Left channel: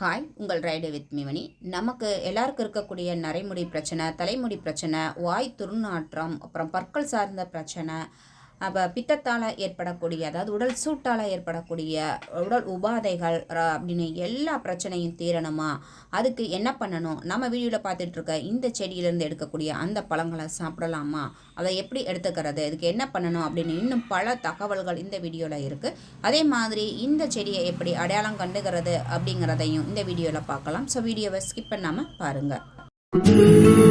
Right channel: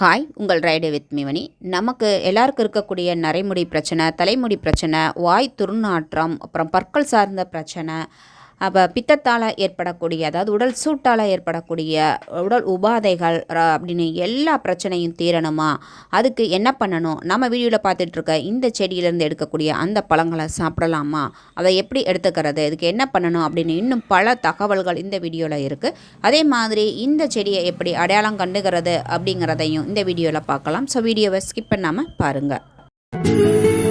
Hi உங்கள் ride with மிவனி நமக்கு எல்லாருக்கும் இருக்கக்கூடிய நரைமுடி பிரச்சனை தலைமுடி பிரச்சனை வாய் துர்நாற்றம் அப்புறம் பற்கள் சார்ந்த பிரச்சனை அப்போ பித்தத்தால் ஏற்படக்கூடிய அதாவது உடல் சூட்டால் ஏற்படக்கூடிய உடல் உபாதைகள் அப்படின்னு எல்லா பிரச்சனையும் தீரணுமா? அதுக்கு என்ன பண்ணணும்? நம்ம வீடியோவில் பார்த்துட்ருக்க இந்த செடியிலேருந்து எடுக்கக்கூடிய அந்த பழங்களை சாப்பிடலாமா? அதை எப்படி எடுத்துக்கிறது? இதுக்கு என்ன பண்ணணும்? அப்படின்னு இன்னும் பல தகவல்கள் இந்த வீடியோவில் இருக்குது அதே மாதிரி இந்த செடியை எப்படி அடையாளம் கண்டுகிறது அப்படிங்கிறதையும் இந்த வீடியோவில் பார்க்கலாம். ஸோ வீடியோவை ஸ்கிப் பண்ணாமல் பாருங்கள்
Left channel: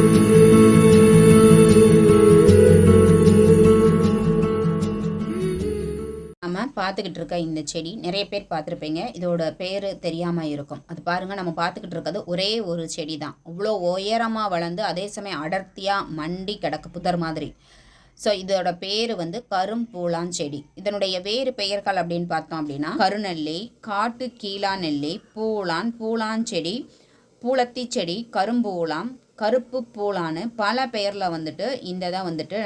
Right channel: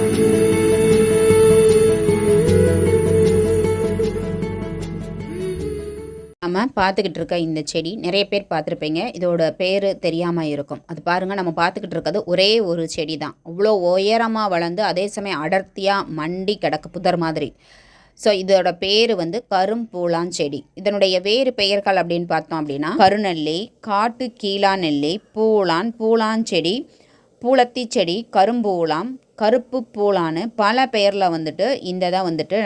பார்த்துக்கிட்டு இருக்க இந்த செடி நிறைய பேர் பார்த்துருப்பீங்க. இதோட பேர் தெரியாமல் இருக்கும். அது பாருங்கள் நம்ம பார்த்துக்கிட்டு இருக்கிறது ஒரே ஒரு செடி தான் அவ்வளோ உயரமாக வளர்ந்து அதே சமயம் அடர்த்தியாக மண்டி கிடக்கு புதர் மாதிரி. ஸோ இதோட பேர் வந்து கரும்பூலான் செடி. இதனுடைய வேறு பெயர்கள் அப்படின்னு பார்த்தோம் அப்படின்னா கருநெல்லி காட்டு கீழா நெல்லி பூளான் பூளான் செடி செடி கரும்பூலாம் கருப்பு பூளான்னு பல பெயரில் வந்துட்டு இந்த தான் வந்துட்டு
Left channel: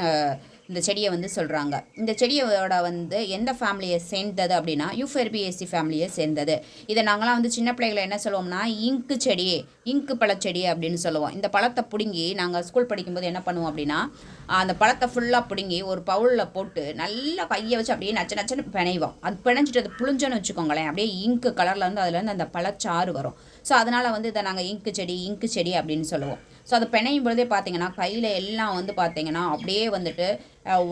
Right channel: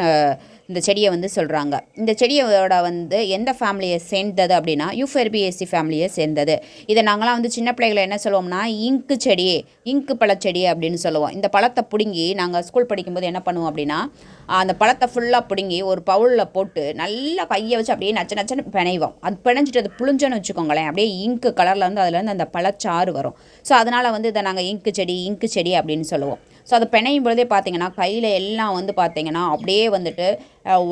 இந்த செடியை வந்து சொல்கிறாங்க இந்த செடியோட வந்து எந்த ஃபேமிலியை சேர்ந்தது அப்படின்னா யூஃபெர்பிஎஸ்சி ஃபேமிலியை சேர்ந்தது. இதை நாங்களாம் வந்து சின்ன பிள்ளைகளை என்ன சொல்லுவோம்னா இங்கு செடி இங்கு பழச்செடி அப்படின்னு சொல்லுவோம். இந்த பழத்தை பிடுங்கி நாங்கள் ஸ்கூல் படிக்கும்போது என்ன பண்ணுவோம் அப்படின்னா அந்த பழத்தை ஃபுல்லாக பிடுங்கி ஒரு பவுலில் போட்டு நல்லா கையை வச்சு அப்படியே நச்ச நச்சன்னு பிணைவோம். அது பிணைஞ்சிட்டு அது புளிஞ்சோன்னு வச்சுக்கோங்களேன். அப்படியே இங்கு கலரில் வந்து அதுலேருந்து அந்த பழச்சாறு வரும். ஸோ அதனால் வந்து இதை நாங்கள் இங்கு செடி இங்கு செடி அப்படின்னு சொல்லுவோம். ஸோ அது பிணையும் பொழுதே பார்த்தீங்கன்னா கையில் எல்லாம் வந்து பார்த்தீங்கன்னா அப்படியே வந்துட்டு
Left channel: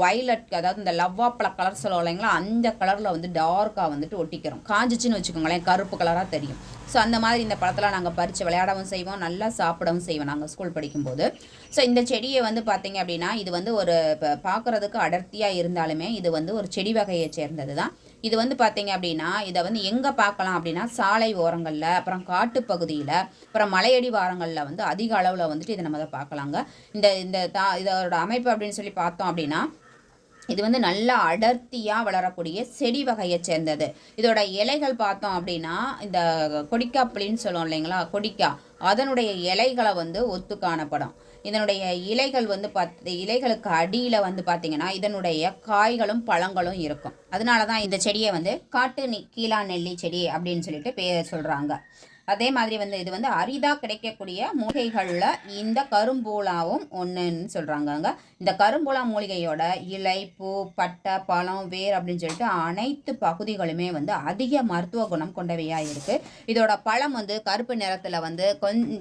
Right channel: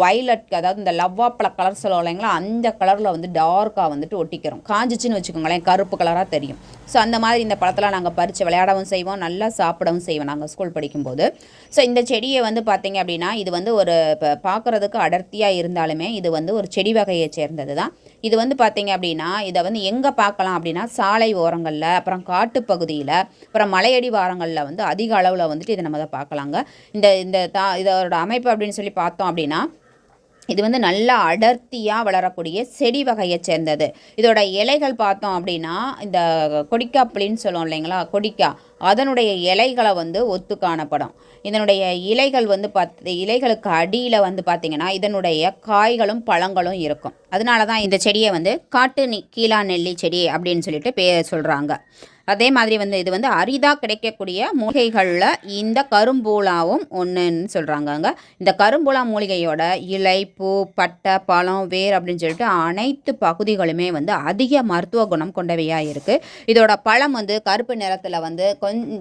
வைலட் அதாவது இந்த லவ்வாப்பழ கலர் சொல்லுவோம் இல்லைங்களா? அந்த கலரில் வந்து டார்க்காக வந்துட்டு ஒட்டிக்கிறோம். காஞ்சிச்சுன்னு வச்சுக்கோங்களேன் கருப்பு கலராக தெரியும். ஸோ அந்த மாதிரி இந்த பழத்தில் நாங்கள் பறித்து விளையாடவும் செய்வோம் நல்லா சாப்பிடவும் செய்வோம் நாங்கள் ஸ்கூல் படிக்கும்போது. ஸோ இந்த செடியை வந்து பார்த்தீங்க அப்படின்னா இது வந்து ஒரு இப்போ பார்க்குறதுக்கு அடர்த்தியாக இருந்தாலுமே இது வந்து ஒரு செடி வகையை சேர்ந்தது தான் இது வந்து பார்த்தீங்க அப்படின்னா இதை வந்து எங்கே பார்க்கலாம் அப்படின்னா சாலை ஓரங்களில் அப்புறம் காட்டுப்பகுதியில் அப்புறம் மலையடி வாரங்களில் வந்து அதிக அளவில் வந்துட்டு இதை நம்ம அதை பார்க்கலாங்க. இந்த இந்த தா இதோட அமைப்பு அப்படின்னு சொல்லி பார்த்தோம் அப்படின்னா இது வந்து நல்லா அடர்த்தியாக வளரக்கூடிய செடி வகையை சேர்ந்தது. இதோட இலைகள் பார்த்தோம் அப்படின்னா இந்த கொடிக்காப்புளின்னு சொல்லுவோம் இல்லைங்களா? கொடிக்கா அதனுடைய இலைகளை வந்து ஒத்து காணப்படும். இதனுடைய இலைகள் வந்து பார்த்து இலைகளுக்கு அடியில் வந்து பார்த்திங்கன்னா இதனுடைய காய்களும் பழங்களும் இருக்கும். அதனால தான் இந்த செடியை வந்து காட்டு நி கீழா நெல்லி செடி அப்படின்னு சொல்லிட்டு பேர் சொல்கிறாங்க அதே மாதிரி வந்து இது வந்து அரிதாக கிடைக்கக்கூடிய மூலிகைகளில் இந்த கரும்பூலாவும் ஒன்றுன்னு சொல்கிறாங்கங்க இந்த கரும்பூலா மூலிகையோட இலை பூ பட்டை பழம் வேர் அப்படின்னு சொல்லிட்டு அனைத்து பகுதிகளுமே வந்து அதிக மருத்துவ குணம் கொண்டவையாக இருக்குது இதோட பழம் வந்து கருப்பு நிறத்தில் வந்து கொஞ்சம்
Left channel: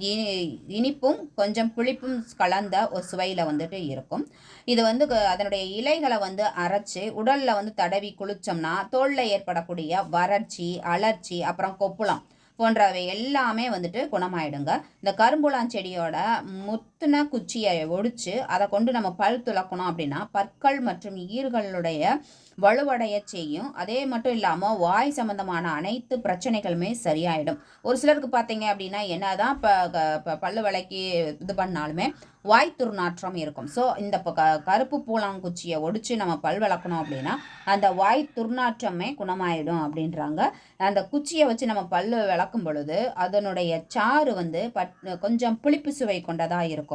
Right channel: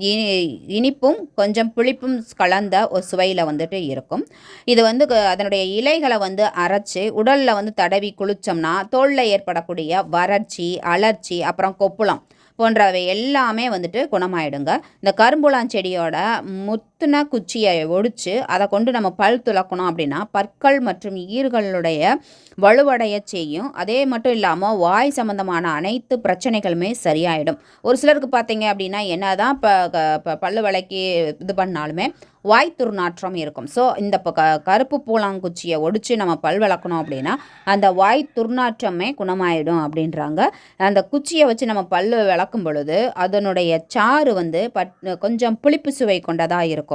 இனிப்பும் கொஞ்சம் புளிப்பும் கலந்த ஒரு சுவையில் வந்துட்டு இருக்கும். இது வந்து க- அதனுடைய இலைகளை வந்து அரைச்சி உடலில் வந்து தடவி குளித்தோம்னா தோலில் ஏற்படக்கூடிய வறட்சி அலர்ச்சி அப்புறம் கொப்புளம் போன்றவை எல்லாமே வந்துட்டு குணமாயிடுங்க. இந்த கரும்புலான் செடியோட குத்துனா குச்சியை ஒடிச்சு அதை கொண்டு நம்ம பல் துளக்கணும் அப்படின்னா பற்கள் மற்றும் ஈர்களுடைய வலுவடைய செய்யும். அதே மட்டும் இல்லாமல் வாய் சம்பந்தமான அனைத்து பிரச்சனைகளுமே சரியாயிடும். ஒரு சிலருக்கு பார்த்தீங்க அப்படின்னா என்ன தான் இப்போ பல்லு விளக்கி இது பண்ணாலுமே வாய் துர்நாற்றம் இருக்கும். ஸோ இந்த இப்போ க கருப்பு பூலாங்குச்சியை ஒடிச்சு நம்ம பல் விளக்கணும் அப்படின்னா அந்த வாய் துர்நாற்றமே குணமாயிடும் அப்படின்றாங்க. அந்த குச்சியை வச்சு நம்ம பல் விளக்கும் பொழுது அதனுடைய சாறு வந்து பட் கொஞ்சம் புளிப்பு சுவை கொண்டதாக இருக்கும்.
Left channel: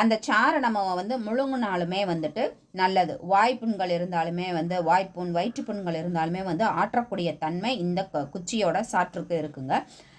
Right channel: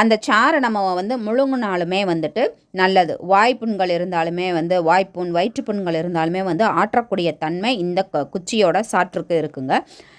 அந்த சாறை நம்ம வந்து முழுங்கினாலுமே வந்துட்டு நல்லது. வாய்ப்புண்கள் இருந்தாலுமே வந்து வாய்ப்புண் வயிற்றுப்புண்கள் இருந்தாலுமே வந்து ஆற்றக்கூடிய தன்மை இந்த குச்சியோட சாற்றுக்கு இருக்குங்க.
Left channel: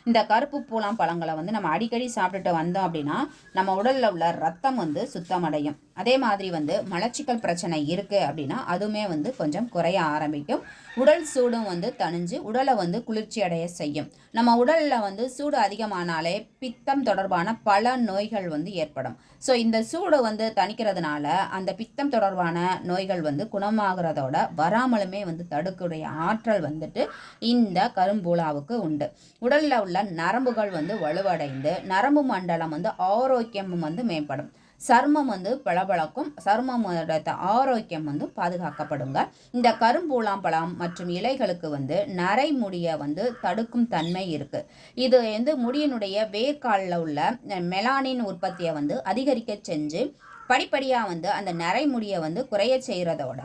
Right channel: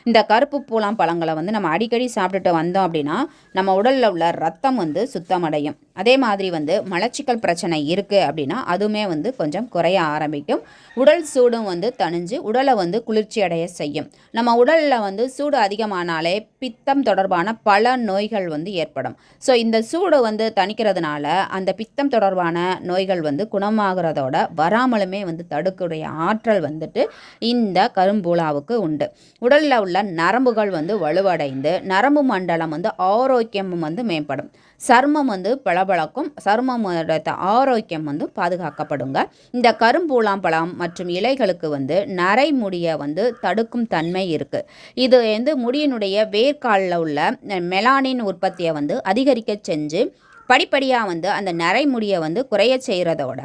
இந்த கருப்பு பூலாம் பழங்களை வந்து நம்ம அடிக்கடி சாப்பிட்டுட்டு வந்தோம் அப்படின்னா நம்ம உடலில் உள்ள ரத்தம் வந்து சுத்தமடையும். அதே மாதிரி வந்து மலச்சிக்கல் பிரச்சனை இருக்குது அப்படின்னா அதுவுமே வந்து கொஞ்சம் குறைய ஆரம்பிக்கும். உடல் சூடும் வந்து தணிஞ்சு உடலை வந்து குளிர்ச்சி அடைய செய்யும். நம்ம உடலில் வந்து சூடு அதிகமானாலே பித்தம் தொடர்பான பல நோய்கள் வந்து ஏற்படும். ஸோ இந்த சூடு வந்து தணிக்கிறதுனால அந்த பித்தம் தொடர்பான நோய்கள் வந்து குணமாகிறதோட வராமலுமே வந்து தடுக்கக்கூடிய ஆற்றல் வந்துட்டு இந்த கரும்பூலாவுக்கு உண்டு. உடலில் உள்ள நரம்புகள் வந்து வலுவடைந்து நரம்பு மண்டலம் வந்து ஆரோக்கியமும் வந்து மேம்படும். சர்மம் வந்து பளபளக்கும் சர்மமோட ஆரோக்கியம் வந்து பாதுகாக்கப்படுங்க. இந்த கரும்பூலாம்பழம் மற்றும் இலைகளுக்கு வந்து நரை முடியை வந்து தடுக்கும் தன்மை இருக்குது இது வந்து முடியினுடைய வேர்க்காலில் உள்ள மெலானின் உற்பத்தியை வந்து அதிகரிக்க செஞ்சு படிப்படியாக வந்து அந்த நரைமுடியை வந்து குறைய செய்கிறதோட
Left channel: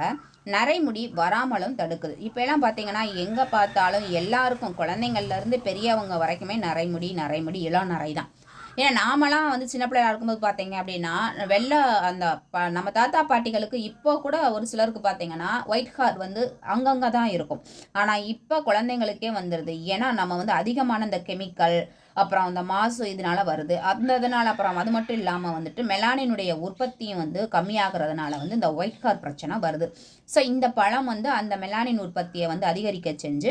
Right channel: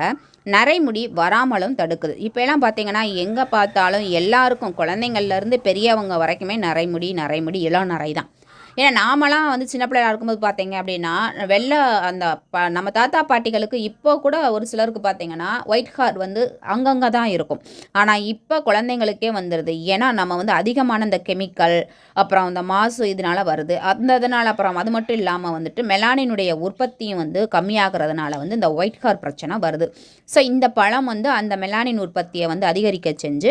நரைமுடி வராமலும் தடுக்குது. இப்போ எல்லாம் பார்த்தீங்கன்னா எங்கே பார்த்தாலும் எல்லாருக்கும் குழந்தைங்கள்லேருந்து பெரியவங்க வரைக்குமே நரைமுடி நரைமுடி இளம் நரை தான் ஏன்னா நாமெல்லாம் வந்து சின்ன பிள்ளையா இருக்கும்போது பார்த்தீங்க அப்படின்னா வெள்ளை அந்த ப நம்ம தாத்தா பாட்டிகளுக்கு இப்போ கூட ஒரு சிலருக்கு பார்த்தீங்கன்னா ஒயிட் ஹார் வந்து அங்கங்கே தான் இருக்கும். ஆனால் இப்போ குழந்தைங்களுக்கே வந்துடுது ஏன்னா நம்ம வந்து அதிகமான இந்த கெமிக்கல் அப்புறம் அந்த மாசு இதனால வருது. அந்த இதனால் அப்புறம் அது மட்டும் இல்லாமல் வந்துட்டு மெலானினுடைய உற்பத்தியும் வந்து கம்மியாகிறதுனால வந்து இந்த ஒயிட் ஹார் பிரச்சனை வருது. ஸோ இந்த பழம் வந்து அந்த மெலானின் உற்பத்தியை வந்து அதிகரிக்க செஞ்சு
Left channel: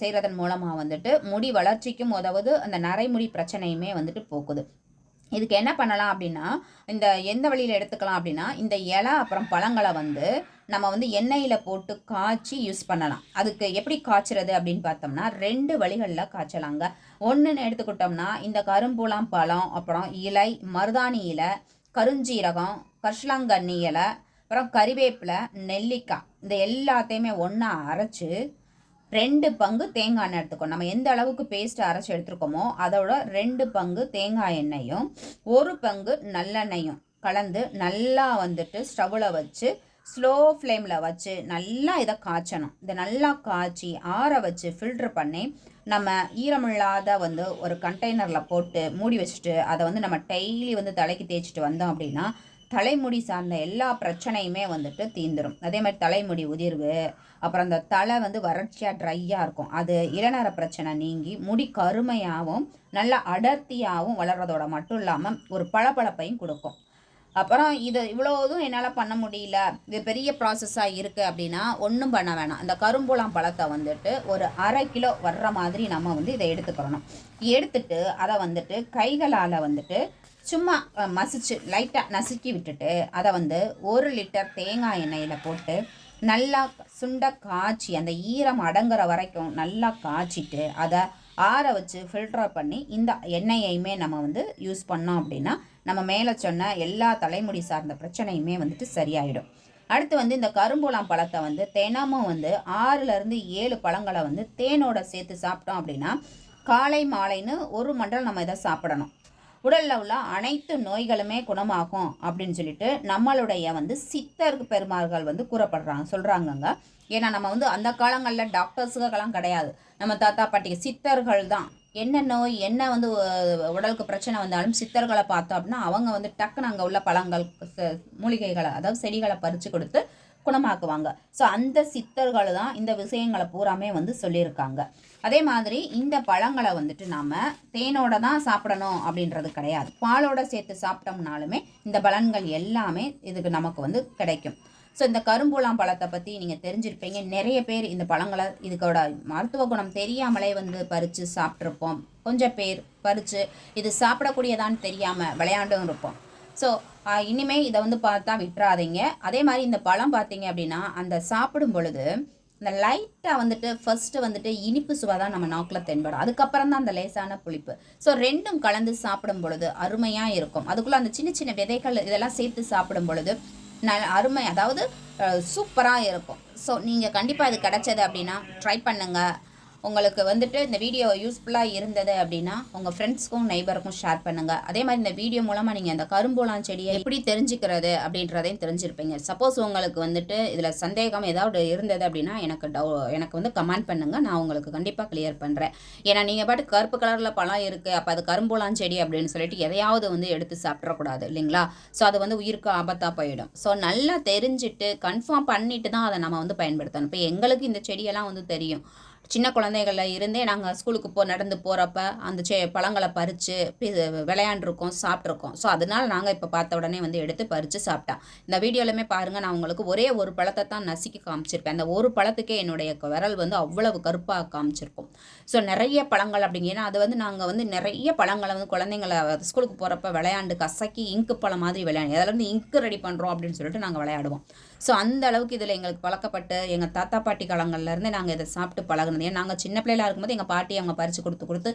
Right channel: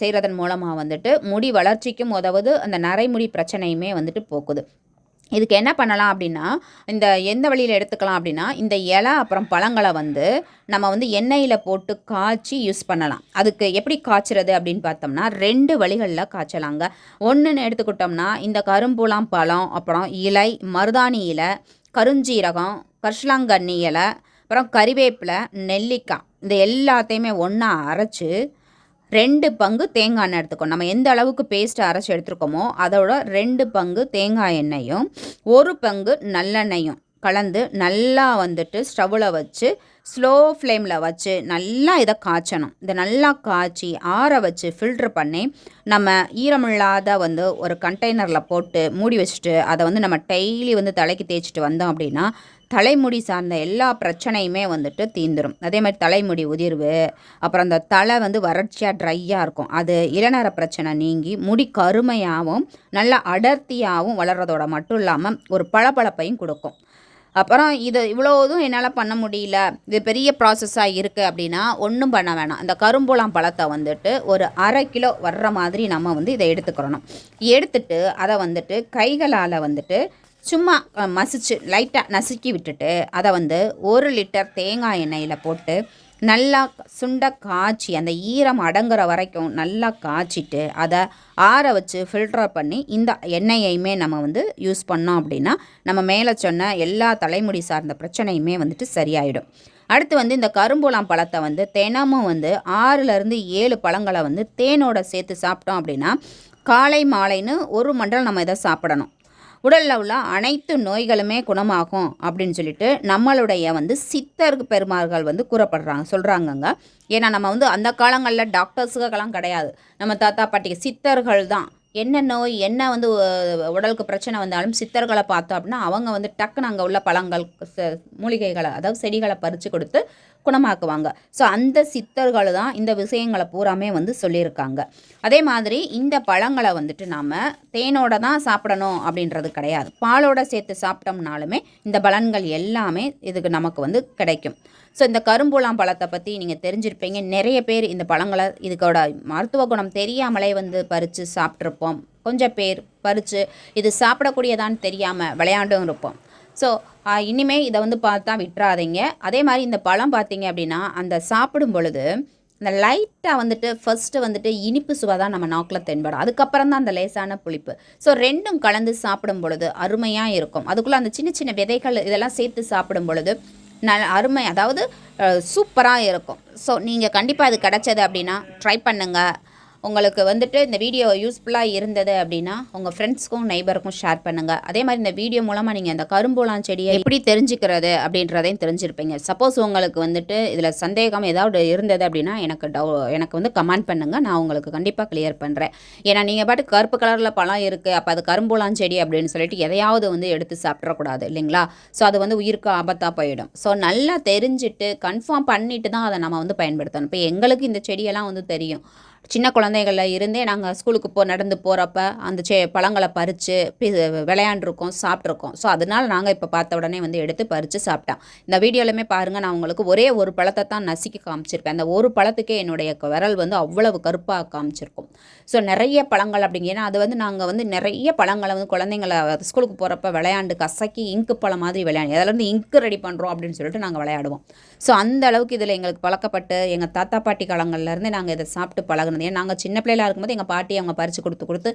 செய்கிறதன் மூலமாக வந்துட்டு முடி வளர்ச்சிக்கும் உதவுது. அந்த நரைமுடி பிரச்சனையுமே வந்துட்டு போக்குது. இதுக்கு என்ன பண்ணலாம் அப்படின்னா இந்த எந்த வழியில் எடுத்துக்கலாம் அப்படின்னா இந்த இலை அப்புறம் பழங்களை வந்து நம்ம வந்து எண்ணெயில் போட்டு காய்ச்சி யூஸ் பண்ணலாம். அதுக்கு எப்படி காய்ச்சிறது அப்படின்னு பார்த்தோம்னா ரெண்டு வழிகளில் காய்ச்சலாங்க. ஒன்றுன்னு எடுத்துக்கிட்டோம்னா இந்த கரும்புலாம் பழம் அப்புறம் இலை மருதாணி இலை கருஞ்சீரகம் கர்ஷ்லாங்கண்ணி இலை அப்புறம் கறிவேப்பிலை நெல்லிக்காய் இந்த எல்லாத்தையுமே ஒன்றா அரைச்சி ரெண்டு பங்கு தேங்காய் எண்ணெய் எடுத்துக்கணும். நம்ம எந்த அளவுக்கு பேஸ்ட் அரைச்சி எடுத்துருக்கோமோ அதோட ரெண்டு பங்கு தேங்காய் எண்ணெயும் ஒரு பங்கு நல்லெண்ணெயும் கலந்து நல்லா வந்துட்டு ஸ்டவ்வில் வச்சு ஸ்லோ ஃப்ளேமில் வச்சு நல்லா இதை காய்ச்சணும். இதை நல்லா காய்ச்சி ஆற வச்சு ஃபில்ட்ரு பண்ணி நம்ம ஈரமில்லாத வந்து ஒரு கண்டெய்னரில் போட்டு மூடி வச்சுட்டு அதை வந்து நம்ம டெய்லி வந்து தலைக்கு தேய்ச்சிட்டு வந்தோம் அப்படின்னா தலைமுடி சார்ந்த எல்லா பிரச்சனையுமே வந்துட்டு தீந்துடும் அதே மாதிரி தலைமுடி உதிர்வு அப்புறம் அந்த தலை வந்து வறட்சியாக ட்ரையாக இருக்கும். அது இளநர பிரச்சனை நீங்கி முடி கருமையாகவும் நல்லா அடர்த்தியாகவும் வளர்கிறதோட மட்டும் இல்லாமல் ஒரு பளபளப்பையும் கொடுக்கும். அப்புறம் இது இவ்வளோதும் என்னால் பண்ண முடியல. இது பெரிய ப்ராசஸாக இருக்குது அப்படின்னா ஒன்றும் பண்ண வேணாம். அந்த கரும்புலாம் பழத்தை வந்துட்டு ஒரு அரை கிலோ வர்ற மாதிரி நம்ம வந்து இதை எடுத்துக்கிறணும். எடுத்துட்டு அதை வந்துட்டு கைகளால் வந்துட்டு சும்மா மசிச்சு லைட்டாக நசுக்கி விட்டுட்டு அதை வந்து ஒரு லிட்டர் தேங்காய் எண்ணெயில் போட்டு நல்லா சுண்ட காய்ச்சி அந்த ஈரம் அடங்குற வரைக்கும் நல்லா காய்ச்சிட்டு அதை ஆற வச்சு ஃபில்டர் பண்ணி இந்த எண்ணெயையுமே நம்ம வந்து யூஸ் பண்ணோம் அப்படின்னா நம்ம மேலே சொன்ன எல்லா தலைமுடி சார்ந்த பிரச்சனையுமே வந்துட்டு சரியாயிடும். அடுத்து வந்து இந்த கரும்புலாம் பழத்தை வந்து தினமும் வந்து ஆறுலேருந்து ஏழு பழங்களை வந்து தேனோட சேர்த்து சாப்பிட்டோம் அப்படின்னா காலை மாலைன்னு ஒரு மண்டலம் நம்ம இதை சாப்பிடணும். உடலில் உள்ள அனைத்து நோய்களுமே குணமாகும் அப்படின்னு சொல்லிட்டு நம்மளுடைய வந்து சித்தர் பெருமார்கள் வந்து கூறப்படுறாங்க சொல்கிறாங்கங்க ஏன்னா நம்ம வந்து அந்த காலங்களில் டாக்டர்ஸுக்கெல்லாம் கிடையாது. நம்ம தாத்தா பாட்டிக்கு சித்தர்கள் தான். என்ன நோய் என்ன வந்து உடலுக்கு பிரச்சனை வந்தாலும் சித்தர்களை பார்த்தோம் அப்படின்னா அவங்க வந்து டக்குன்னு அங்கே உள்ள பழங்கள் மூலிகைகளை அதாவது செடிகளை பறித்து கொடுத்து குணமாக்குவாங்க ஸோ அந்த சித்தர்கள் தான் இந்த விஷயங்களை பூராமே வந்து சொல்லியிருக்காங்க. அதே மாதிரி இந்த பழங்களை வந்துட்டு நாம் தேனோட தான் சாப்பிடணும் அப்படின்றது கிடையாது. பாலோட சேர்த்து சாப்பிட்டோம்னாலுமே இந்த பலன்கள் எல்லாமே இதுக்கு நமக்கு வந்து கிடைக்கும். ஸோ இந்த கரும்புலாம் பழத்தை பற்றி நீங்கள் தெரிஞ்சிருப்பீங்க. நிறைய பேர் இந்த பழங்களை இதுக்கோட மருத்துவ குணம் தெரியாமலே வந்து பறித்து சாப்பிட்ருப்போம் கொஞ்சம் பேர் பறித்து இது சாப்பிடக்கூடியதான்னு தெரியாமல் விளையாண்டும் இருப்போம். ஸோ இனிமேல் இதை வந்து பார்த்தா விட்டுறாதீங்க. அதே மாதிரி இந்த பழம் பார்த்தீங்க அப்படின்னா அந்த சாப்பிடும் பொழுது இந்த லைட்டாக வந்துட்டு ஃபஸ்ட்டு வந்துட்டு இனிப்பு சுவை தான் நம்ம நாக்கில் தென்படும். அதுக்கப்புறம் தான் அந்த லேசான புளிப்பு. ஸோ ரெண்டும் கலந்து சாப்பிடும் பொழுது அருமையாக இருக்கும். அதுக்குள்ளே அந்த சின்ன சின்ன விதைகள் இதெல்லாம் சேர்த்து சாப்பிடும் பொழுது நல் அருமை அதாவது சூப்பராக இருக்கும். ஸோ நீங்கள் கண்டிப்பாக இது கிடச்சது அப்படின்னா ட்ரை பண்ணுங்கள் உங்களுக்கு வந்துட்டு இந்த வீடியோ யூஸ்ஃபுல்லாக இருந்தது அப்படின்னா உங்கள் ஃப்ரெண்ட்ஸ்க்கும் நெய்பருக்கும் ஷேர் பண்ணுங்கள் அதே மாதிரி இந்த வீடியோ மூலமாக நீங்கள் இந்த கரும்பூலாம் செடியை எப்படி தெரிஞ்சுக்கிறது அப்படின்றதையும் தெரிஞ்சிருப்பீங்க. சப்போஸ் உங்களுக்கு வந்துட்டு இதில் சந்தேகம் ஏதாவது இருந்தது அப்படின்னா எனக்கு டவு எனக்கு வந்து கமெண்ட் பண்ணுங்கள் நான் உங்களுக்கு கண்டிப்பாக கிளியர் பண்ணுறேன் ஏன்னா நீங்கள் பாட்டு கருப்பு கலரில் பழம் இருக்குது அப்போ அது கரும்பூலாம் செடி அப்படின்னு சொல்லிட்டு எதையாவது வந்து எடுத்து சாப்பிட்றக்கூடாது இல்லைங்களா? ஸோ அது வந்து உயிருக்கு ஆபத்தாக போயிடும். ஸோ நல்லா தெரிஞ்சுட்டு கன்ஃபார்ம் பண்ணிட்டு தான் அதை நம்ம வந்து பயன்படுத்தணும். இப்போ எங்களுக்கு இந்த செடியெல்லாம் வந்து தெரியும். சின்ன குழந்தைகளில் இருந்தே நாங்கள் ஸ்கூலுக்கு போ நடந்து போகிறப்ப அந்த செ பழங்களை பறித்து விளையாண்டுருக்கோம் சாப்பிட்ருக்கோம் ஸோ அதனால் நாங்கள் இப்போ பார்த்த உடனே வந்து எடுத்து பறித்து சாப்பிட்டோம். இந்த வீடியோலையுமே பாருங்கள் நான் உங்களுக்கு ஒரே ஒரு பழத்தை தான் நசுக்கி காமிச்சிருப்பேன். அந்த ஒரு பழத்துக்கே என்னுடைய விரல் வந்து அவ்வளவு கருப்பாக காமிச்சிருக்கும். ஸோ நிறைய பழங்கள் அப்படிங்கன்னா அது வந்து நாங்கள் வந்து நிறைய பழங்களை வந்து குழந்தைங்களை ஸ்கூலுக்கு போகிறப்ப விளையாண்டு கசக்கி இங்கு பழம் மாதிரி விளையாண்டு அதில் வந்து இங்கு ரெடி பண்ணுறோம் அப்படின்னு சொல்லிட்டு நாங்கள் விளையாடுவோம். ஸோ அந்த அளவுக்கு இதில் எங்களுக்கு பழக்கப்பட்டு எங்கள் தாத்தா பாட்டி காலங்கள்லேருந்து நாங்கள் இதை சாப்பிட்டு பழகினது. ஏன் நாங்கள் சின்ன பிள்ளைகளாக இருக்கும்போது எங்கள் பாட்டி அவங்க பறித்து கொடுத்து கொடுத்து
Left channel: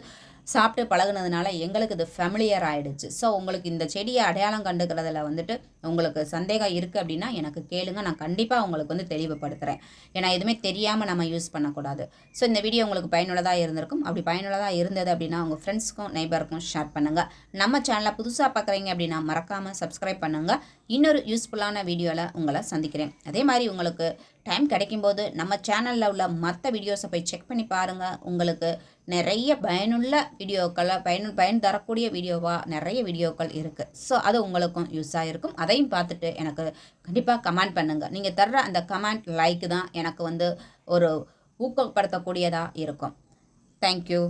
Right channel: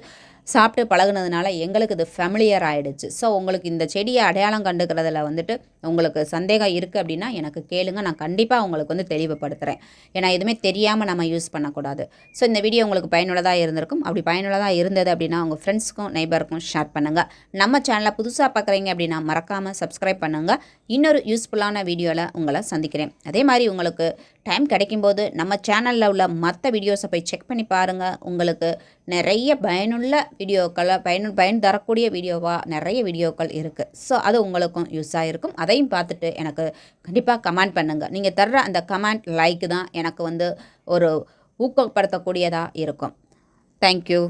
சாப்பிட்டு பழகுனதுனால எங்களுக்கு இது ஃபெமிலியர் ஆகிடுச்சு ஸோ உங்களுக்கு இந்த செடியை அடையாளம் கண்டுக்கிறதுல வந்துட்டு உங்களுக்கு சந்தேகம் இருக்குது அப்படின்னா எனக்கு கேளுங்க. நான் கண்டிப்பாக உங்களுக்கு வந்து தெளிவுபடுத்துகிறேன் ஏன்னா எதுவுமே தெரியாமல் நம்ம யூஸ் பண்ணக்கூடாது. ஸோ இந்த வீடியோ உங்களுக்கு பயனுள்ளதாக இருந்திருக்கும். அப்படி பயனுள்ளதாக இருந்தது அப்படின்னா உங்கள் ஃப்ரெண்ட்ஸ்க்கும் நெய்பருக்கும் ஷேர் பண்ணுங்கள் நம்ம சேனலை புதுசாக பார்க்குறீங்க அப்படின்னா மறக்காமல் சப்ஸ்கிரைப் பண்ணுங்கள் இன்னொரு யூஸ்ஃபுல்லான வீடியோவில் உங்களை சந்திக்கிறேன். அதே மாதிரி உங்களுக்கு டைம் கிடைக்கும்போது நம்ம சேனலில் உள்ள மற்ற வீடியோஸை போய் செக் பண்ணி பாருங்கள் உங்களுக்கு நிறைய பயனுள்ள வீடியோக்களை பயனு பயன் தரக்கூடிய வீடியோவாக நிறைய வீடியோக்கள் இருக்குது ஸோ அது உங்களுக்கும் யூஸாக இருக்கும் அதையும் பார்த்துட்டு எனக்கு கண்டிப்பாக கமெண்ட் பண்ணுங்கள் நீங்கள் தர்ற அந்த கமெண்ட் லைக் தான் எனக்கு வந்து ஒரு ஊக்கப்படுத்தக்கூடியதாக இருக்கும். தேங்க்யூ